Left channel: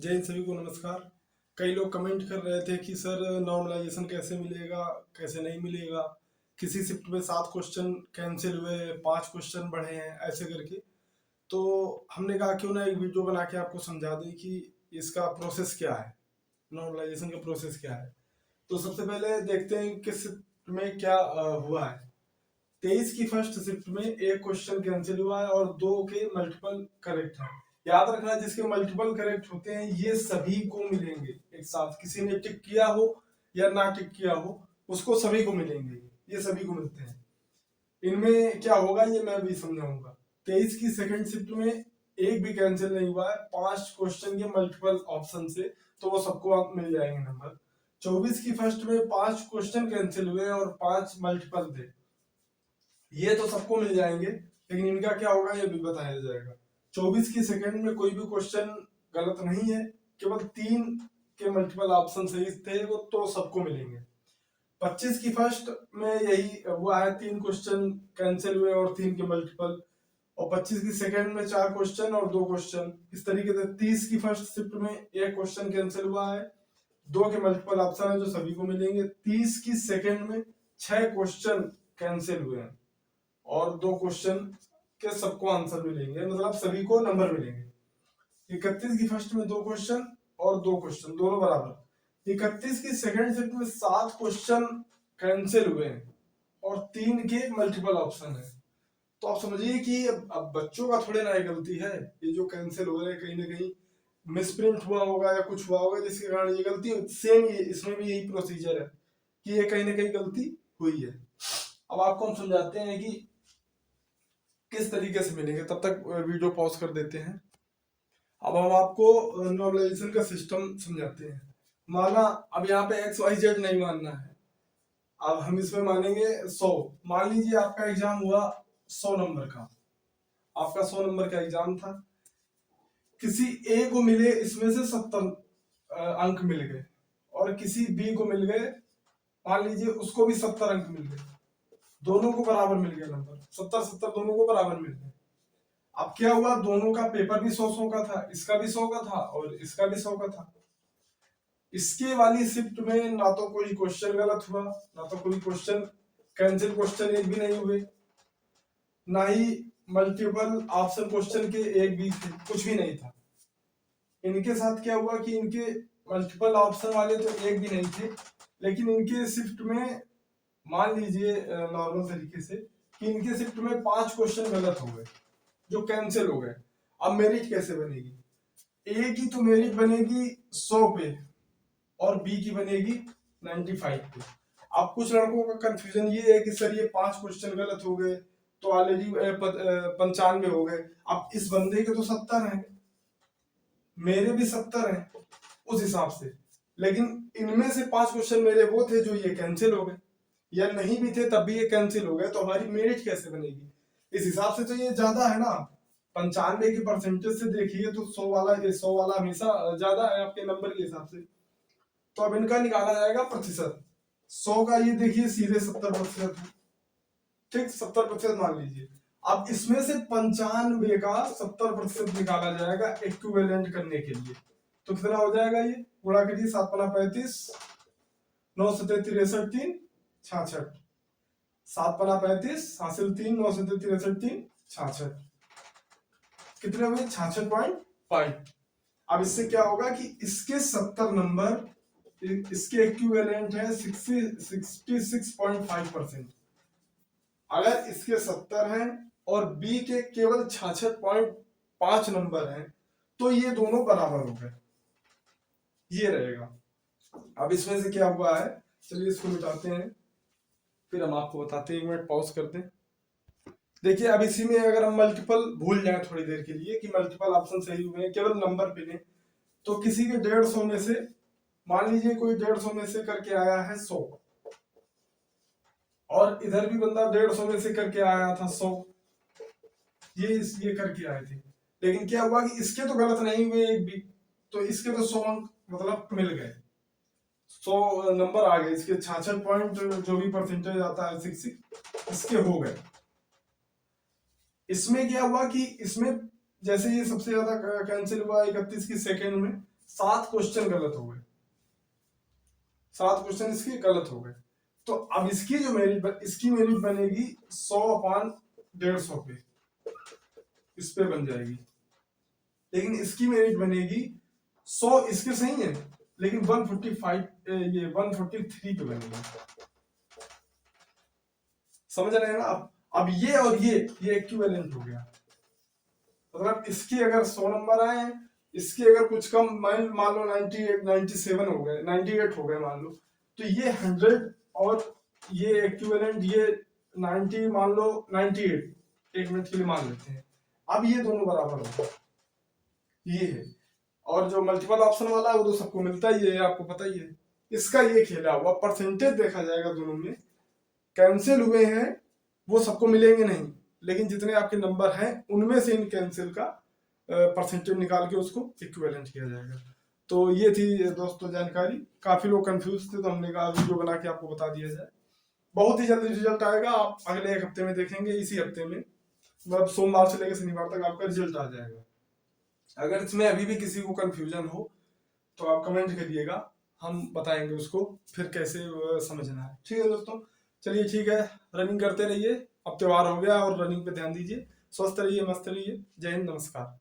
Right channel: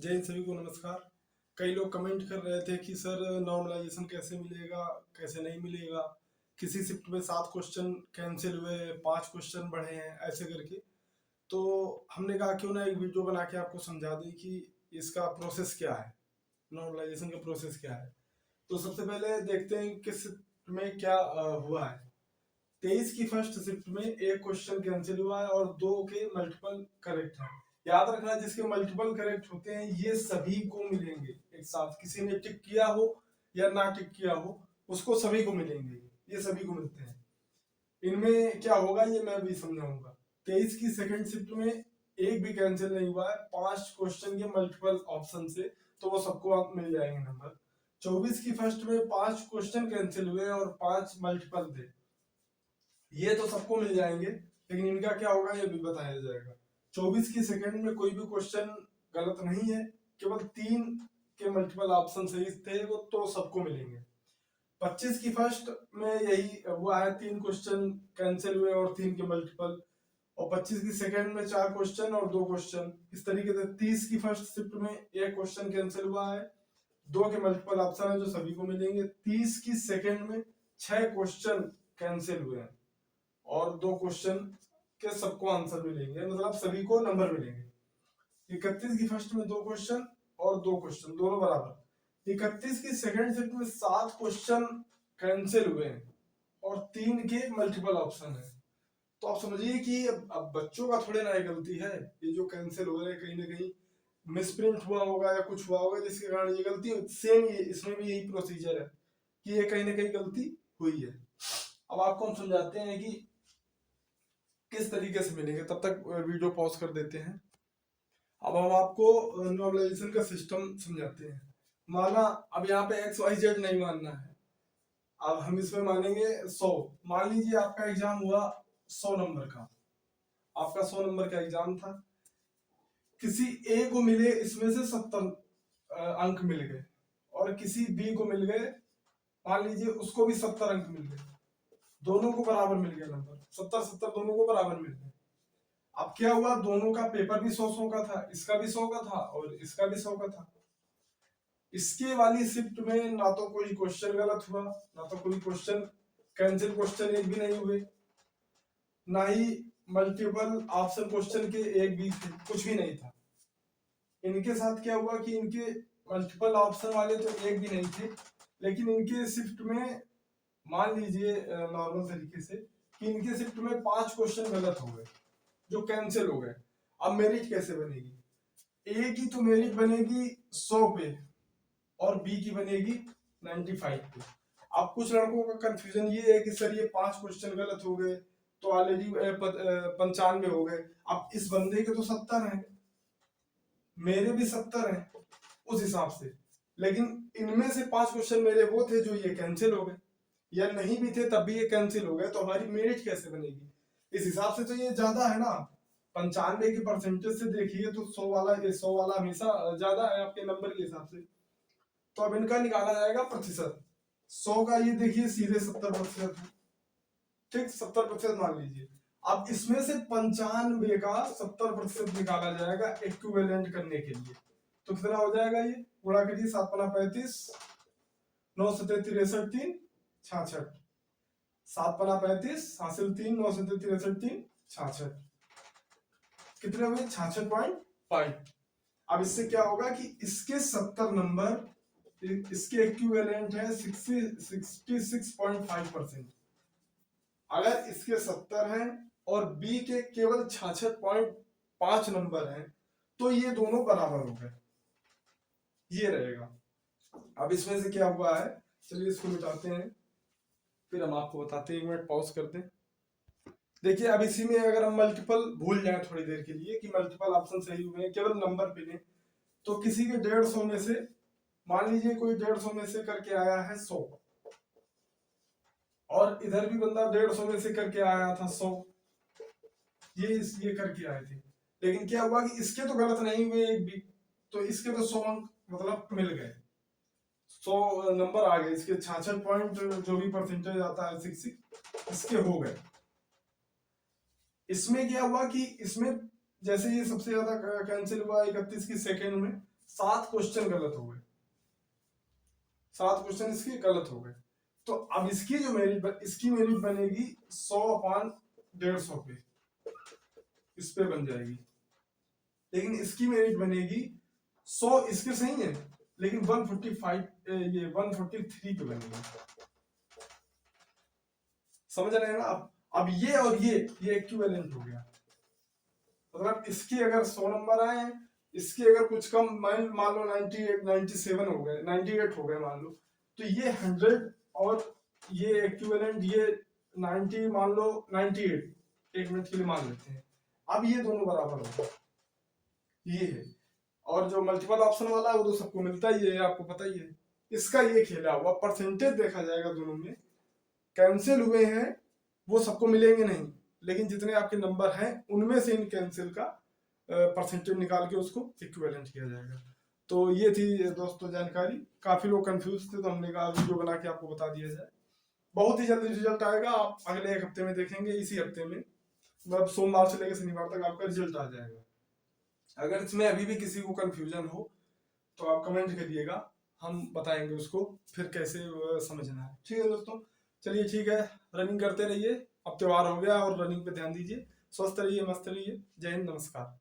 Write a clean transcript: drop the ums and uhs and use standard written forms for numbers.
जय हिंद, सभी को नमस्कार। कई लोग कमेंट कर रहे थे कि सर नॉर्मलाइजेशन कैसे मिलेगा, कैसे नहीं मिलेगा। किसी शिफ्ट में 7 क्वेश्चन कैंसिल हुए, 5 क्वेश्चन बढ़े हैं, ऐसे करके। तो हमने कहा क्यों ना एक वीडियो बना के आपको समझा दें कि इसका प्रोसेस क्या है, नॉर्मलाइजेशन का प्रोसेस क्या है। तो सबसे पहले देखते हैं कि शिफ्ट में क्या हुआ है। 23 की फर्स्ट शिफ्ट में एक क्वेश्चन कैंसिल हुआ है और 2 के मल्टीपल करेक्ट है। याद रखना, जिसके मल्टीपल करेक्ट होते हैं ये सभी को मिलेंगे एक साथ। किसी ने टिक किया हो या ना टिक किया हो, उसको सभी को मिलेंगे, ये सभी को मिलते हैं। इनमें क्या होगा ये मैं भी समझाऊंगा। 23 की सेकंड शिफ्ट में एक भी कैंसिल नहीं हुआ है, 5 क्वेश्चन के मल्टीपल ऑप्शन से, तो वो सबको आप मिल जाएंगे नंबर। 24 की फर्स्ट में 5 क्वेश्चन कैंसिल हुए और 5 मल्टीपल थे, ये तो सबको मिल जाएंगे, लेकिन इनका क्या होगा ये भी बताया जाएगा। 24 की सेकंड में कोई भी क्वेश्चन गलत नहीं है, केवल 3 के मल्टीपल ऑप्शन सही थे, वो तो सबको मिलेंगे। 25 की फर्स्ट में यही हुआ है, 3 क्वेश्चन कैंसिल हुए और 3 के मल्टीपल। और 25 की सेकंड में 4 क्वेश्चन और 2 क्वेश्चन। इस तरीके से 30 की फर्स्ट शिफ्ट में एक क्वेश्चन कैंसिल हुआ है, 2 के मल्टीपल ऑप्शन है जो सभी को मिलेंगे। 30 की सेकंड में 6 क्वेश्चन कैंसिल हुए हैं और 2 क्वेश्चन के सबको आंसर मिलेंगे, मतलब सभी को नंबर मिलेंगे। 31 की फर्स्ट में 2 क्वेश्चन और 2 क्वेश्चन दोनों बराबर। 31 की सेकंड शिफ्ट में 7 क्वेश्चन कैंसिल हुए हैं और 3 के मल्टीपल ऑप्शन है। तो आप समझिए कि अब बच्चों का थोड़े ना गलती है, ये जो कैंसिल हो रहे हैं कहीं ना कहीं मिसप्रिंट हुआ होगा या कुछ हुआ होगा जिसके कारण ये गलती। सेम ये इसमें भी यही प्रोसीजर है कि ये कहीं ना कहीं गलती हुई है। अब आपको हम समझाते हैं कि किस तरीके से मिलेंगे, तब तक वीडियो पॉज कर देते हैं। अब हम आपको नॉर्मलाइजेशन का सिस्टम समझाते हैं। माना अब यहाँ पे एक्स वाई जेड नहीं मानना है, अब हम इसमें मानेंगे 100। मान लीजिए आपका एग्जाम हुआ 100 नंबर का, आपका 100 नंबर का एग्जाम था। किसी ए को मिले इसमें से 70 अंक मिल गए और किसी बी को मिल गए, मान लीजिए उसको भी 70 अंक मिल गए। दोनों को बराबर मिल गया नंबर, 70-70 दोनों को बराबर मिल गए। अब क्या हुआ, दोनों का पेपर भी 100-100 का था, इसका भी 100 का था और इसका भी 100 का था। इसके वाली शिफ्ट में ना तो कोई क्वेश्चन गलत हुआ, ना तो कोई क्वेश्चन कैंसिल क्वेश्चन एक भी नहीं हुए, ना ही मल्टीपल ऑप्शन क्वेश्चन के एक भी थे, कुछ भी नहीं था। इनके साथ क्या हुआ कि इनके मल्टीपल ऑप्शन वाले तो एक भी नहीं थे, लेकिन इनके शिफ्ट में मान लीजिए नॉर्मल तरीके से कि इनके शिफ्ट में 5 क्वेश्चन गलत हो गए जो कैंसिल हो गए। अब मेरिट कैसे बनेगी? ए की तो मेरिट बनेगी 100 पे और बी की बनेगी 95 पे। अब कुछ लड़कों का कंफ्यूजन ये है कि सर ये 5 क्वेश्चन गलत हो गए तो ऑलरेडी 95 हो गए। अब इस बंदे के तो 70 हैं, मेरे भी 70 हैं उस हिसाब से, लेकिन इनमें से 5 क्वेश्चन मेरे वो थे जो ये कैंसिल हो गए, या नहीं भी थे तब भी ये कैंसिल हो गए, तो हमारी मेरिट कैसे बनेगी? इस हिसाब से तो ये ज्यादा है ना। 95 के परसेंटेज से देखिए तो 100 वाला हमेशा ज्यादा है आपके नंबर के हिसाब से। तो अब इनका निकाला जाएगा प्रतिशत। 100 का ये देखिए सीधे 70% है, ठीक, 70% मान लीजिए। अब इसमें से 95 का 70% निकाला जाएगा इक्विवेलेंट करने के लिए। तो कितना हो जाएगा, ये गुणा करिए, 7 पना 35, 9 सत्ते 63, 3 66, 7 पना 35 हासिल 3, 9 सत्ते 63, 3 66, कितने हुए 66.5। अब इससे क्या होगा कि इसके 70 नंबर इसके इक्विवेलेंट है 66.5%। अगर इसके 70 हैं और बी के केवल 66.5 नंबर हैं तो ये दोनों बराबर हो गए, ये रहेगा। अब इसमें से क्या हुआ है, चलिए इसको मिटाते हैं फिर हम आपको बताते हैं। 1 मिनट पॉज कर दें। देखिए अब इसी में अगर हम मल्टीपल भूल जाए थोड़ी देर के लिए कि मल्टीपल ऑप्शन सही हुए हैं, केवल नंबर पे तो किसी के 150 में से, मान लीजिए कोई 150 में से करके आया है 100 और इधर भी बंदा 150 में से करके आया था 100, ये करके आए थे। लेकिन क्या हुआ कि इसके तो गलत नहीं हुए एक भी, तो इसके तो 100 अंक मतलब मिल गए, 100 नंबर आ गए इसके। 66 पॉइंट जो भी परसेंटेज आता है 66 इसके हो गए। इसमें क्या हुआ कि इसमें जैसे ये सबसे ज्यादा कैंसिल हुआ 31 की सेकंड में 7 क्वेश्चन गलत हो गए, 7 क्वेश्चन इसके गलत हो गए। तो अब इसकी जो इसकी मेरिट बनेगी 100/150 पे, इस पे बन जाएगी। लेकिन इसकी मेरिट बनेगी 100 इसके सही है, लेकिन 145 ये 143 पे बनेगी। समझ रहे हैं ना आप? अब ये और ये इक्विवेलेंट हो गया। मतलब इसके अगर 100 नंबर आए, इसके अगर कुछ कम मान लो 98 97 हो गए, 98 हो गए मान लो, तो ये 100 और ये इक्विवेलेंट ये 90 मान लो 98, एक मिनट के लिए मान लेते हैं। अब ये दोनों बराबर हो गए, ये है। और जो मल्टीपल ऑप्शन वाला है वो तो सबको मिलता ही है, आपको पता ही है। इसका ये खेला हुआ परसेंटेज देखा जाएगा दोनों में, कैंसिल हुए हैं वो सबको मिलेंगे नहीं, लेकिन जितने आपके नंबर हैं उनमें से इन कैंसिल का परसेंटेज निकाल के उसको इक्विवेलेंट किया जाएगा। तो ये थी दोस्तों जानकारी। काफी लोग कंफ्यूज थे, तो हमने कहा वीडियो बना के आपको बता दिया जाए। बहुत ही जल्दी रिजल्ट आएगा, आप अगले 1 हफ्ते में देखेंगे, इसी हफ्ते में मतलब सोमवार से लेकर शनिवार तक आपका रिजल्ट आ जाएगा। अगर इसमें अभी भी किसी को कंफ्यूजन हो तो आप कमेंट करिएगा, हम बताएंगे उसको फिर कैसे समझना है। ठीक है दोस्तों, चलिए ठीक है, रनिंग करते रहिए। अब त्योहार हो गया और रनिंग पे ध्यान दीजिए। स्वस्थ रहिए, मस्त रहिए। जय हिंद, नमस्कार।